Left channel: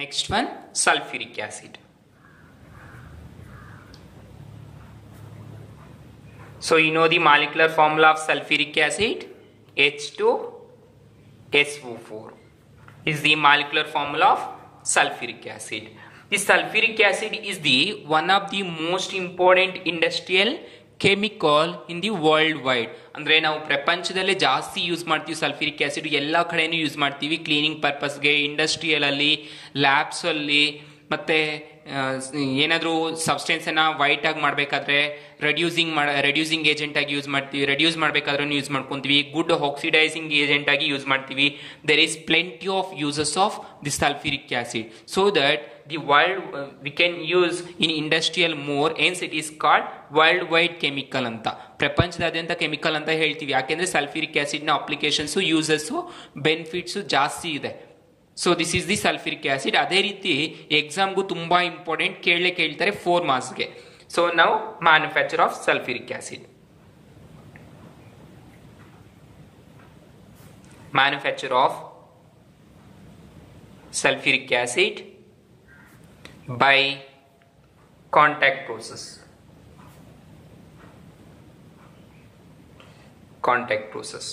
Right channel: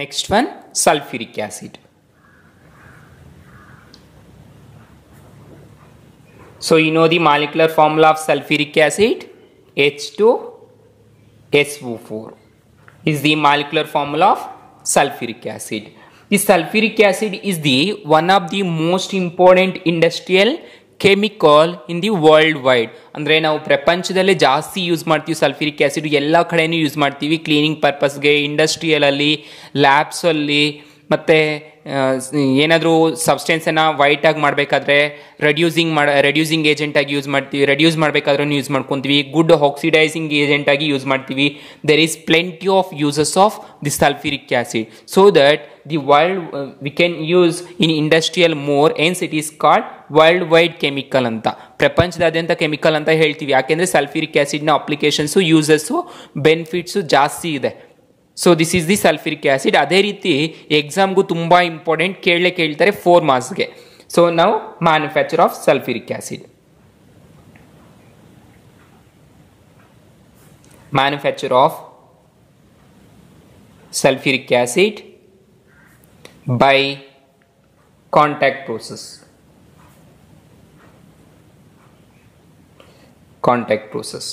Next one, sulfuric acid. So you know the molecular formula of sulfuric acid, H2SO4 is the molecular formula of sulfuric acid. The sulfuric acid is the one of the most important industrial chemical in the world wide. ಅಂದ್ರೆ ನಾವು ಪ್ರಪಂಚದಲ್ಲೇ ಜಾಸ್ತಿ ಯೂಸ್ ಮಾಡ್ತೀವಿ sulphuric acid, ಎಲ್ಲ ಕಡೆನೂ use ಮಾಡ್ತೀವಿ. Cleaning ಪರ್ಪಸ್ಗೆ, industrial ಅಲ್ಲಿ, ಲ್ಯಾಬ್ಸ್ ಅಲ್ಲಿ, ಮತ್ತೆ ಏನಾದರೂ ಸಬ್ಸ್ಟೆನ್ಸ್ ಅನ್ನ ವೈಟ್ ಆಗಿ ಮಾಡಬೇಕಾದ್ರೆ ರೆಡ್ಯೂಸಿಂಗ್ ಏಜೆಂಟ್ ಆಗಿ ಯೂಸ್ ಮಾಡ್ತೀವಿ. ರೆಡ್ಯೂಸ್ ಮಾಡಬೇಕಾದ್ರೂ ಯೂಸ್ ಮಾಡ್ಕೊಂತೀವಿ. ಗುಡ್ ಆಕ್ಸಿಡೈಸಿಂಗ್ ಏಜೆಂಟ್ ಆಗಿ ಯೂಸ್ ಮಾಡ್ತೀವಿ. There is plenty of uses of the sulphuric acid, so that the world we can use in industrial more, hence it is called world wide chemical ಅಂತ, ಪ್ರಪಂಚದಾದ್ಯಂತ chemical ಅಂತ ಹೇಳ್ತೀವಿ. ಯಾಕೆಂದ್ರೆ sulphuric acid ನ applications, uses, benefits ಜಾಸ್ತಿ ಇದೆ. So this is the sulphuric acid. ಅದೇ ರೀತಿ ಎಕ್ಸಾಮ್ಗೂ ತುಂಬಾ ಇಂಪಾರ್ಟೆಂಟ್, ಕೇಳ್ತಾರೆ 4 ಮಾರ್ಕ್ಸ್ಗೆ. ಸೊ ನಾವು manufacture of sulphuric acid. Manufacture of sulfuric acid by contact process. Contact process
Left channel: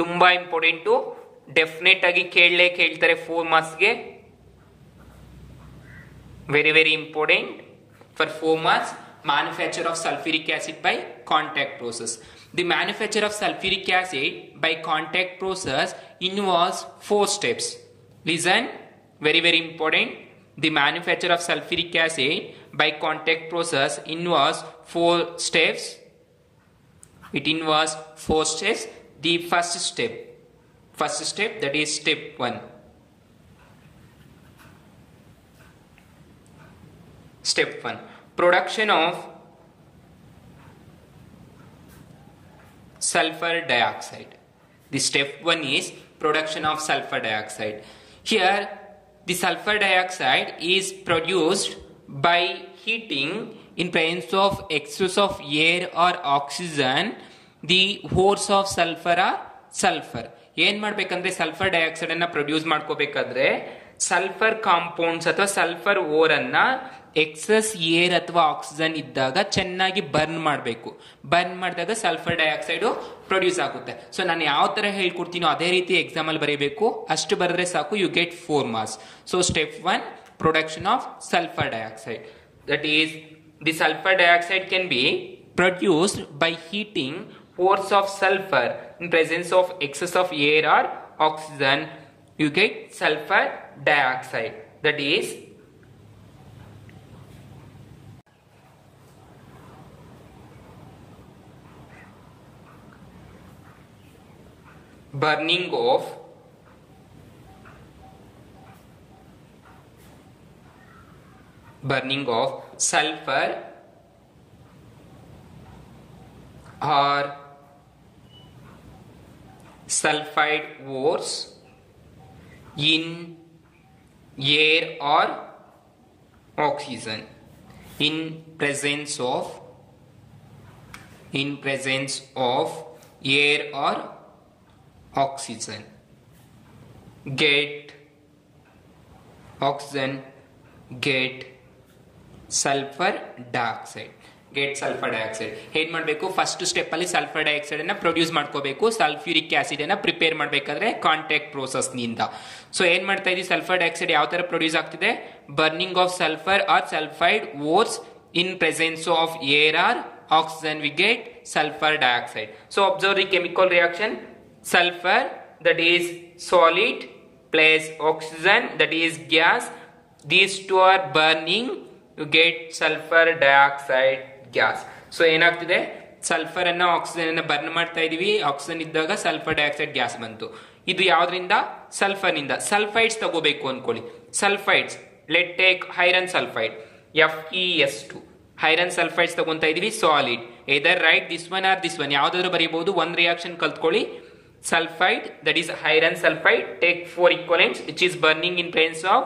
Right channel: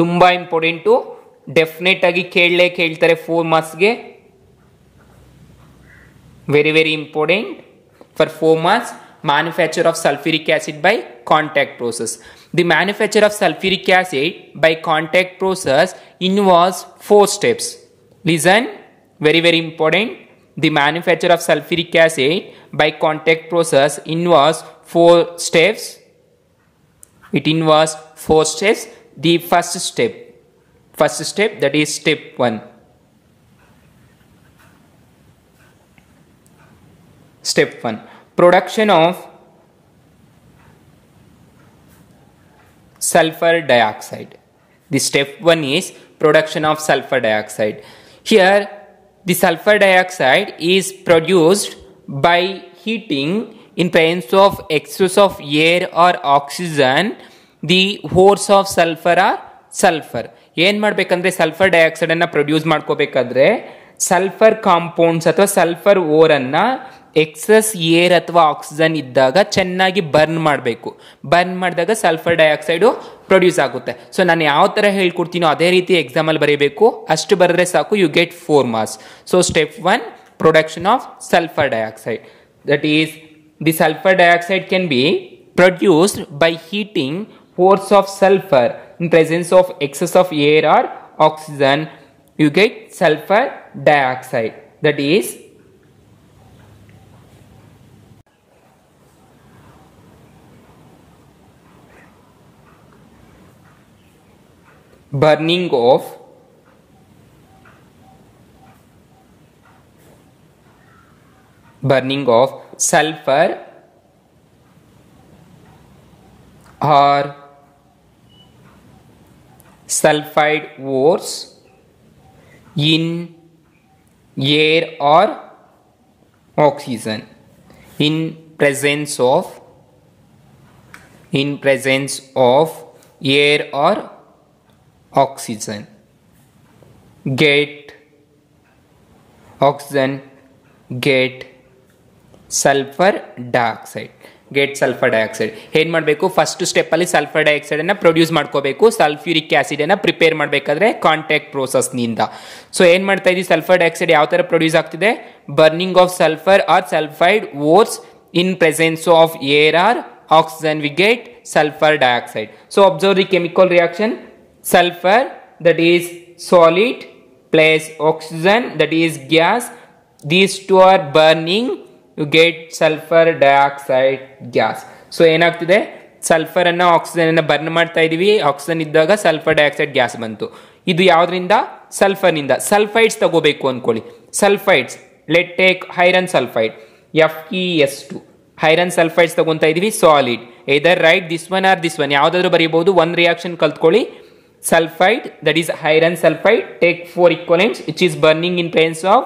ತುಂಬಾ ಇಂಪಾರ್ಟೆಂಟು, ಡೆಫಿನೆಟ್ ಆಗಿ ಕೇಳ್ತಾರೆ 4 ಮಾರ್ಕ್ಸ್ಗೆ. Very important for 4 marks. Manufacture of sulfuric acid by contact process. The manufacture of sulfuric acid by contact process involves 4 steps. Listen, very important. The manufacture of sulfuric acid by contact process involves 4 steps. It involves 4 steps. The first step, that is step 1. Step 1, production of sulfur dioxide. The step 1 is production of sulfur dioxide. Here the sulfur dioxide is produced by heating in presence of excess of air or oxygen. The ores of sulfur are sulfur. ಏನ್ ಮಾಡ್ಬೇಕಂದ್ರೆ sulphur dioxide ಅನ್ನ ಪ್ರೊಡ್ಯೂಸ್ ಮಾಡ್ಕೋಬೇಕಾದ್ರೆ sulphur compounds ಅಥವಾ sulphur or ಅನ್ನ excess air ಅಥವಾ ಆಕ್ಸಿಜನ್ ಇದ್ದಾಗ ಚೆನ್ನಾಗಿ ಬರ್ನ್ ಮಾಡಬೇಕು. ಬರ್ನ್ ಮಾಡಿದಾಗ ಸಲ್ಫರ್ ಡೈಆಕ್ಸೈಡ್ ಪ್ರೊಡ್ಯೂಸ್ ಆಗುತ್ತೆ. ಸೊ ನಾನು ಯಾವ ತರ ಹೇಳ್ಕೊಡ್ತೀನೋ ಅದೇ ರೀತಿ ಎಕ್ಸಾಮ್ ಅಲ್ಲಿ ಬರೀಬೇಕು. ಅಷ್ಟು ಬರೆದ್ರೆ ಸಾಕು, you get 4 marks. So step 1, production of sulphur dioxide. That is the sulphur dioxide can be produced by heating pores of sulfur in presence of excess of air or oxygen. You get sulfur dioxide. That is burning of sulfur or sulfide ores in air or oxygen in presence of air or oxygen. Get oxygen, get sulfur dioxide. ಏನ್ ಮಾಡಬೇಕು, first step ಅಲ್ಲಿ sulfur dioxide ಅನ್ನ produce ಮಾಡ್ಕೋಬೇಕು. Sulfuric acid ಅನ್ನ prepare ಮಾಡಬೇಕಾದ್ರೆ contact process ನಿಂದ. So ಏನ್ ಮಾಡ್ತಾ ಇದೀವಿ, ಸಲ್ಫರ್ ಡೈಆಕ್ಸೈಡ್ ಯಾವ ತರ ಪ್ರೊಡ್ಯೂಸ್ ಆಗ್ತಿದೆ, burning of sulfur or sulfide ores in presence of air or oxygen, we get sulfur dioxide. So observe the chemical reaction. Sulfur, that is solid, plus oxygen, that is gas. These two are burning, you get sulfur dioxide gas. So ಏನಾಗ್ತಿದೆ, ಸಲ್ಫರ್ ಅನ್ನ ಆಕ್ಸಿಜನ್ ಅನ್ನ ಬರ್ನ್ ಮಾಡ್ತಾ ಇದೀವಿ. ಆಕ್ಸಿಜನ್ ಇದ್ದಾಗ sulphur dioxide gas ಬಂತು. ಇದು ಯಾವ್ದ್ರಿಂದ, ಸಲ್ಫರ್ ನಿಂದ. ಸಲ್ಫೈಡ್ಸ್ ತಗೋಬೇಕು ಅನ್ಕೊಳ್ಳಿ. Sulfides, let take iron sulfide, FeS2. Iron sulfides ತಗೊಂತಾ ಇದೀವಿ, solid. either write this one or this one, ಯಾವ್ದಾದ್ರು ಬರೀಬಹುದು. ಒಂದು ರಿಯಾಕ್ಷನ್ ಕಲ್ತ್ಕೊಳ್ಳಿ. Sulphide, that is iron sulphide, take 4 equivalents which is burning in presence of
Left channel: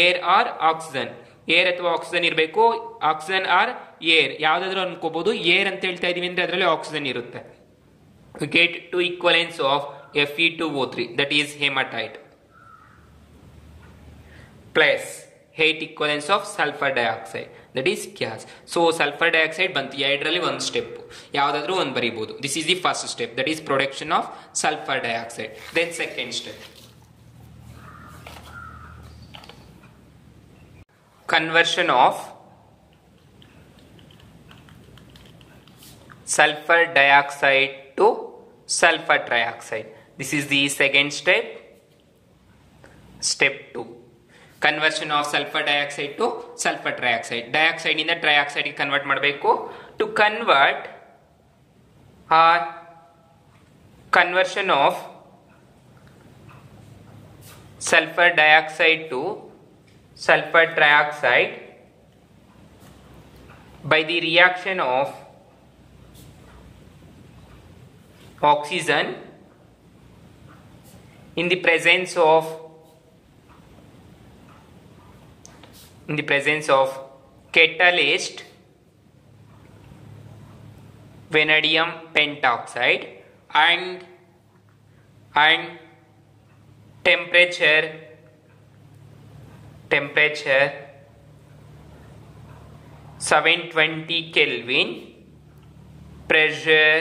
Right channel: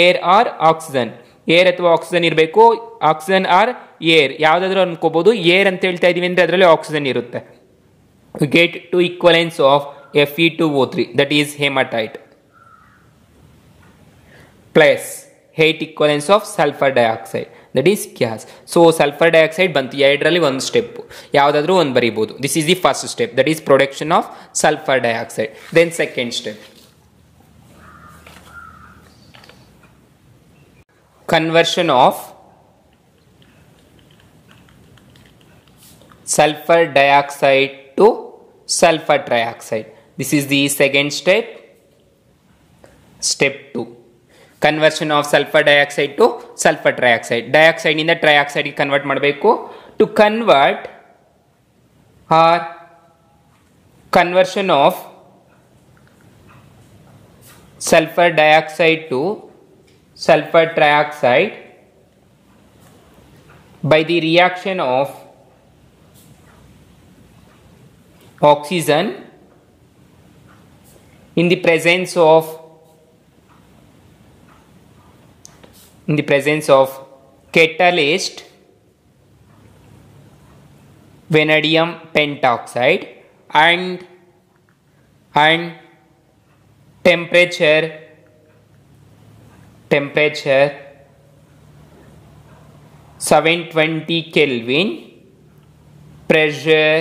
air or oxygen. Air ಅಥವಾ ಆಕ್ಸಿಜನ್ ಇರಬೇಕು. Oxygen our air ಯಾವ್ದಾದ್ರು ಅನ್ಕೋಬಹುದು. ಏರ್ ಅಂತ ಹೇಳ್ತಾ ಇದೀವಿ ಅಂದ್ರೆ ಅದರಲ್ಲಿ ಆಕ್ಸಿಜನ್ ಇರುತ್ತೆ. get 2 equivalents of Fe2O3, that is hematite. plus 8 equivalents of sulfur dioxide, that is gas. So sulfur dioxide ಬಂತು ಎರಡರಲ್ಲಿ ಒಂದು ಸ್ಟೆಪ್ ಯಾವುದಾದ್ರೂ ಒಂದು ಬರೀಬಹುದು. This is the first step, that is production of sulfur dioxide. Then second step, conversion of sulfur dioxide to sulfur trioxide. This is the second step. Step 2, conversion of sulfur dioxide to sulfur trioxide. Dioxide ಇಂದ trioxide ಗೆ convert ಮಾಡಬೇಕು. To convert or conversion of sulfur dioxide to sulfur trioxide by the reaction of oxygen in the presence of catalyst vanadium pentoxide and temperature 720 Kelvin, pressure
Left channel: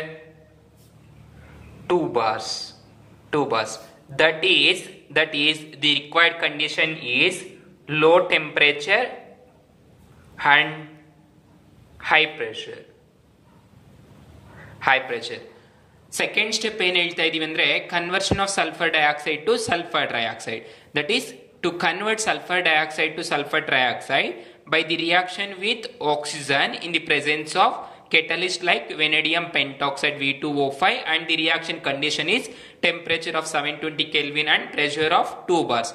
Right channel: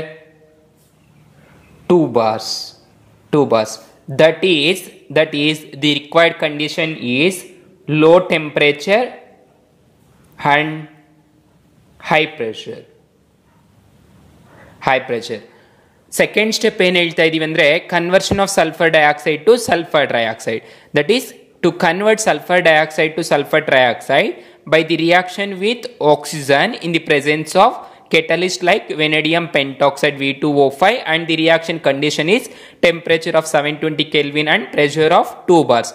2 bars. That is the required condition is low temperature and high pressure. Second step ಏನು ಹೇಳ್ತಾ ಇದೀವಿ ಅಂದ್ರೆ conversion of sulfur dioxide to sulfur trioxide. That is to convert sulfur dioxide to sulfur trioxide by the reaction with oxygen in the presence of catalyst like vanadium pentoxide V2O5, and the reaction condition is temperature of 720 Kelvin and pressure of 2 bars.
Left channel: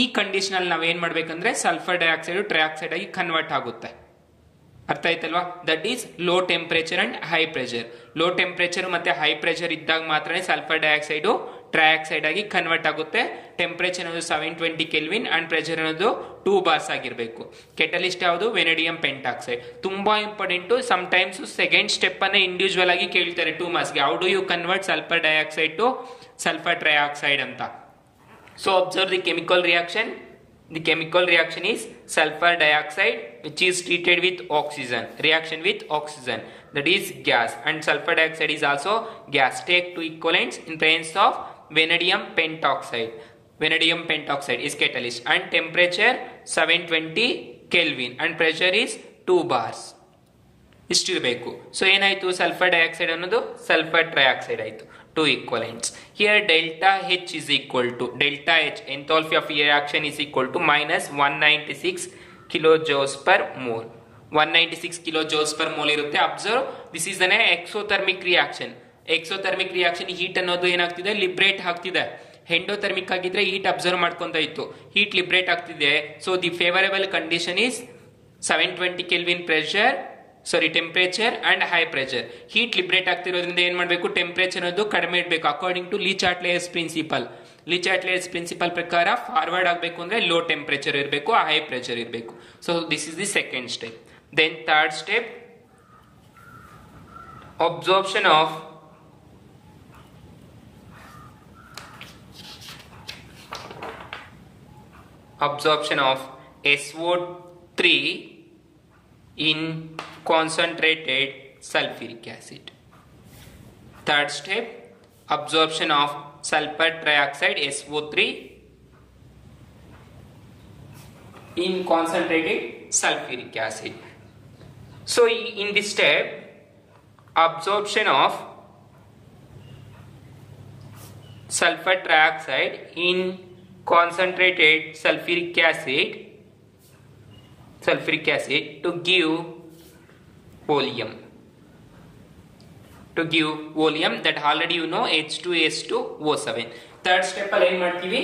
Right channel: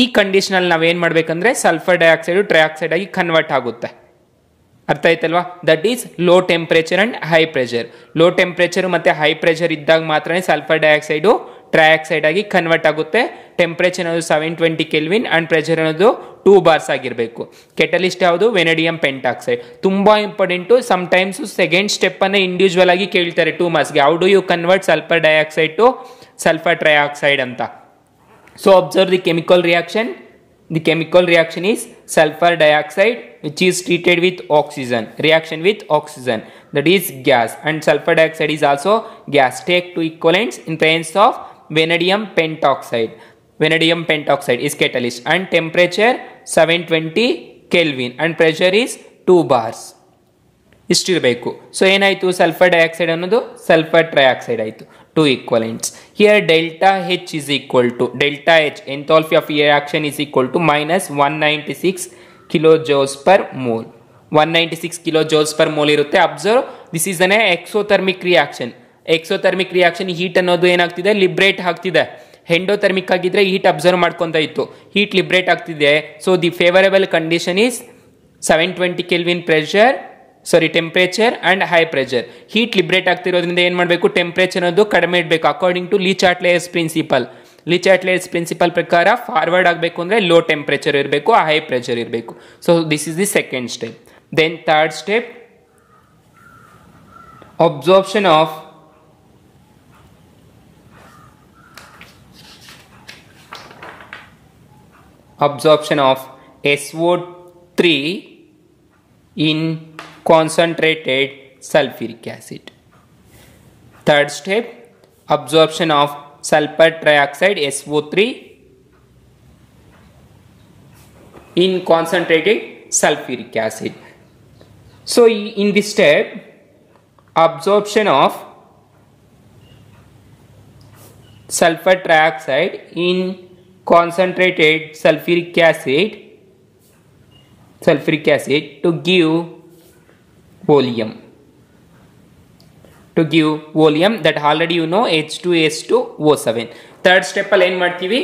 ಈ ಕಂಡೀಷನ್ ಅಲ್ಲಿ ನಾವೇನ್ ಮಾಡ್ಬೇಕಂದ್ರೆ sulphur dioxide trioxide ಆಗಿ ಕನ್ವರ್ಟ್ ಆಗುತ್ತೆ. ಅರ್ಥ ಆಯ್ತಲ್ವಾ? That is low temperature and high pressure. Low temperature ಮತ್ತೆ high pressure ಇದ್ದಾಗ ಮಾತ್ರ ಸಲ್ಫರ್ ಡೈಆಕ್ಸೈಡ್ ಟ್ರೈಆಕ್ಸೈಡ್ ಆಗಿ ಕನ್ವರ್ಟ್ ಆಗುತ್ತೆ. ಟೆಂಪರೇಚರ್ ಅನ್ನೋದು 720 ಕೆಲ್ವಿನ್ ಅಂಡ್ ಪ್ರೆಷರ್ ಅನ್ನೋದು 2 ಬಾರ್ಸ್ ಆಗಿರಬೇಕು. ಕೆಟಲಿಸ್ಟ್ ಯಾವುದು? Vanadium pentoxide. ತುಂಬಾ important. Some times second step ಅನ್ನ ಇಂಡಿವಿಜುವಲ್ ಆಗಿ ಕೇಳ್ತಾರೆ 2 ಮಾರ್ಕ್ಸ್ಗೆ. How do you convert sulphur dioxide to sulphur trioxide ಅಂತ. So observe the chemical reaction. The chemical reaction is sulfur dioxide which is treated with oxygen. Reaction with oxygen, that is gas, and sulfur dioxide is also gas. Take 2 equivalents in presence of vanadium pentoxide. Vanadium pentoxide is catalyst and temperature 720 Kelvin and pressure is 2 bars. ಇಷ್ಟಿರಬೇಕು. ಸೊ ಏನಾಯ್ತು? Sulphur dioxide ಅನ್ನೋದು sulphur trioxide ಆಯಿತು. 2 equivalents. Here delta H is equal to delta H, enthalpy of reaction is equal to minus 196 kilojoules per mole. 196 kilojoules per mole ಇರುತ್ತೆ. Observe, this is an exothermic reaction. Exothermic reaction heat ಅನ್ನೋದು ಏನಾಗ್ತಿದೆ? ಲಿಬ್ರೇಟ್ ಆಗ್ತಿದೆ. ಎಂಡೋಥರ್ಮಿಕ್ ಆಗಿದ್ರೆ heat observe ಮಾಡ್ಕೊಂತ ಇತ್ತು, heat liberate ಆಗ್ತಿದೆ. So the favourable condition is 720 kelvin pressure, sorry temperature and high pressure. Heat liberate ಆಗ್ತಿರೋದ್ರಿಂದ ಏನ್ ಮಾಡಬೇಕು? ಟೆಂಪರೇಚರ್ ಅನ್ನೋದು ಕಡಿಮೆ ಇಡಬೇಕು. ಅಕಾರ್ಡಿಂಗ್ ಟು ಲಿ ಚಾಟ್ಲೆಯರ್ಸ್ ಪ್ರಿನ್ಸಿಪಲ್. ಲಿ ಚಾಟ್ಲೆಯರ್ಸ್ ಪ್ರಿನ್ಸಿಪಲ್ ಪ್ರಕಾರ ಫಾರ್ವರ್ಡ್ ಆಗಬೇಕು ಅಂದ್ರೆ ಲೋ ಟೆಂಪರೇಚರ್ ಇರಬೇಕು, ಹೈ ಪ್ರೆಷರ್ ಇರಬೇಕು. So this is the second step. Then third step, absorption of SO3 in concentrated sulfuric acid. Third step, absorption of sulfur trioxide SO3 in concentrated sulfuric acid. So in this step, absorption of sulfur trioxide in concentrated sulfuric acid to give volume. That already you know, H2S2O7. Third step ಅಲ್ಲಿ ಏನ್ ಮಾಡ್ತೀವಿ?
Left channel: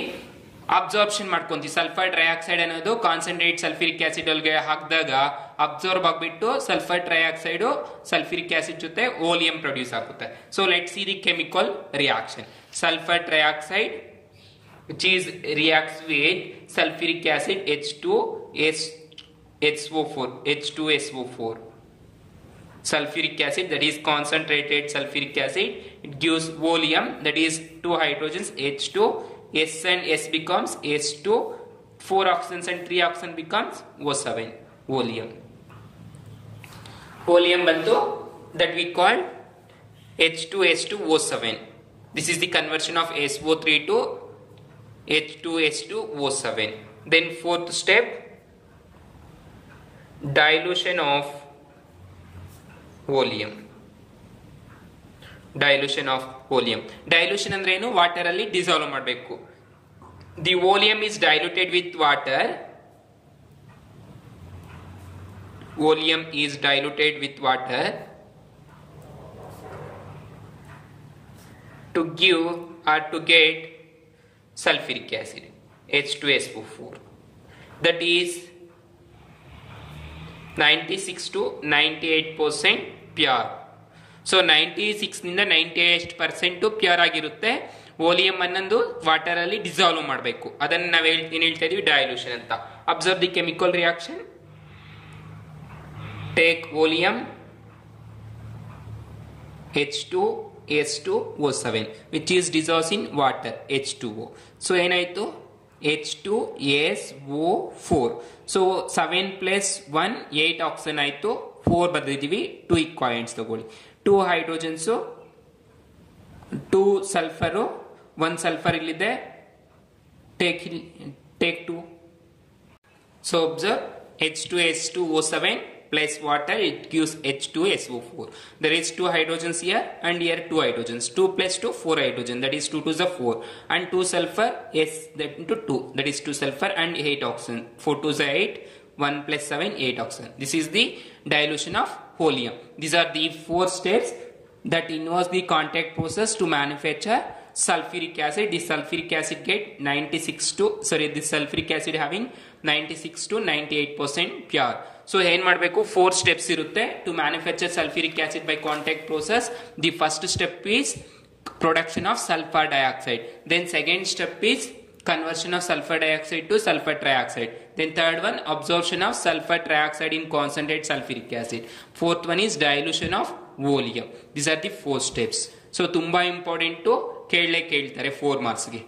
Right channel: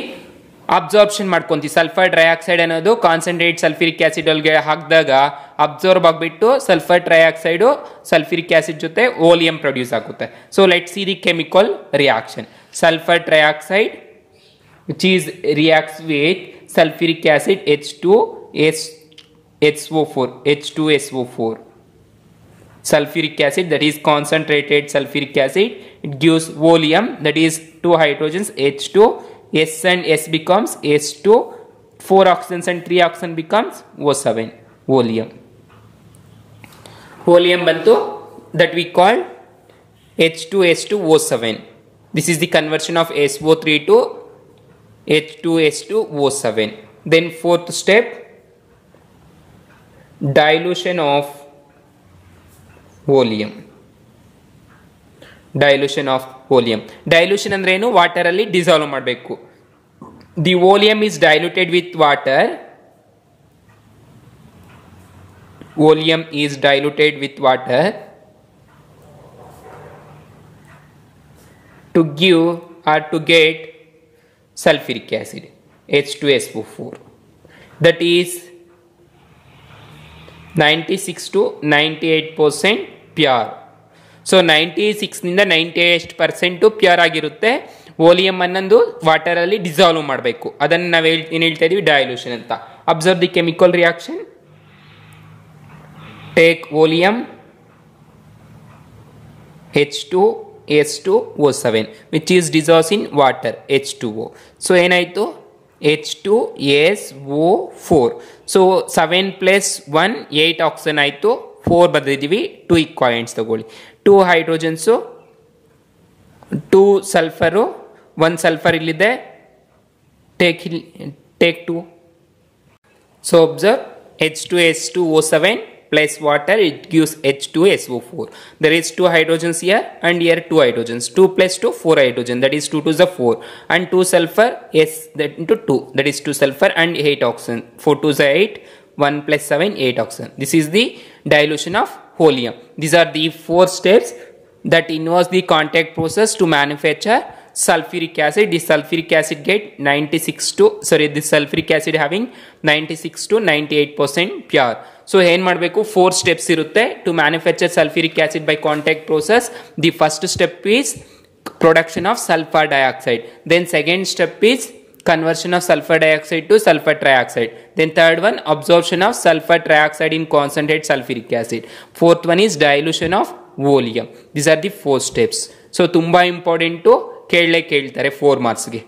ಅಬ್ಸಾರ್ಪ್ಷನ್ ಮಾಡ್ಕೊಂತೀವಿ. Sulphur trioxide ಅನ್ನೋದು concentrate sulphuric acid ಒಳಗೆ ಹಾಕಿದಾಗ ಅಬ್ಸಾರ್ಬ್ ಆಗಿಬಿಟ್ಟು sulphur trioxide sulphuric acid ಜೊತೆ ವೋಲಿಯಂ ಪ್ರೊಡ್ಯೂಸ್ ಆಗುತ್ತೆ. So let see the chemical reaction. Sulphur trioxide which is reacts with sulfuric acid H2SO4. Sulfuric acid, that is concentrated sulfuric acid, it gives volume, that is 2 hydrogens H2, S and S becomes S2, 4 oxygens and 3 oxygen becomes O7, oleum. Oleum bantu, that we call H2S2O7. This is the conversion of SO3 to H2S2O7. Then fourth step, dilution of oleum. Dilution of oleum. Dilution ಅಂದ್ರೆ ಏನು? ವಾಟರ್ ಅಲ್ಲಿ ಡಿಸಾಲ್ವ್ ಮಾಡಬೇಕು. The oleum is diluted with water. Oleum is diluted with water to give or to get sulfuric acid, H2SO4. That is 96 to 98% pure. So 96 ನಿಂದ 98% ಪ್ಯೂರ್ ಆಗಿರುತ್ತೆ. ಓಲಿಯಂ ಅನ್ನೊಂದು ವಾಟರ್ ಅಲ್ಲಿ ಡಿಸಾಲ್ವ್ ಮಾಡಬೇಕು. ಅದನ್ನು ನಾವು ಏನು ಹೇಳ್ತಾ ಇದೀವಿ? ಡೈಲ್ಯೂಷನ್ ಅಂತ. Observe the chemical reaction. Take oleum H2S2O7 which is dissolves in water H2O. So ಏನಾಯ್ತು? H2SO4. So 7 plus 1 8 oxygen ಆಯ್ತು. 4 ಬರೆದಿದ್ದೀವಿ. 2 equivalents ತಗೊಳ್ಳಿ. 2 ಹೈಡ್ರೋಜನ್ಸ್, 2 ಸಲ್ಫರ್, 1 ಸಲ್ಫರ್ ಇಲ್ಲಿದೆ. ಟೇಕ್ 2. So observe H2S2O7 plus water, it gives H2SO4. There is 2 hydrogens here and here 2 hydrogens. 2 plus 2, 4 hydrogen. That is 2 to the 4. And 2 sulfur, yes, that into 2. That is 2 sulfur and 8 oxygen. 4 to the 8. 1 plus 7, 8 oxygen. This is the dilution of oleum. These are the 4 steps that involves the contact process to manufacture sulfuric acid. This sulfuric acid get 96 to, sorry, this sulfuric acid having 96 to 98% pure. So ಏನು ಮಾಡಬೇಕು? 4 steps ಇರುತ್ತೆ to manufacture sulfuric acid by contact process. The first step is production of sulfur dioxide. Then second step is conversion of sulfur dioxide to sulfur trioxide. Then third one, absorption of sulfur trioxide in concentrate sulfuric acid. Fourth one is dilution of oleum. These are the 4 steps. So ತುಂಬಾ ಇಂಪಾರ್ಟೆಂಟ್, ಕೇಳಲೇ ಕೇಳ್ತಾರೆ 4 marks ಗೆ.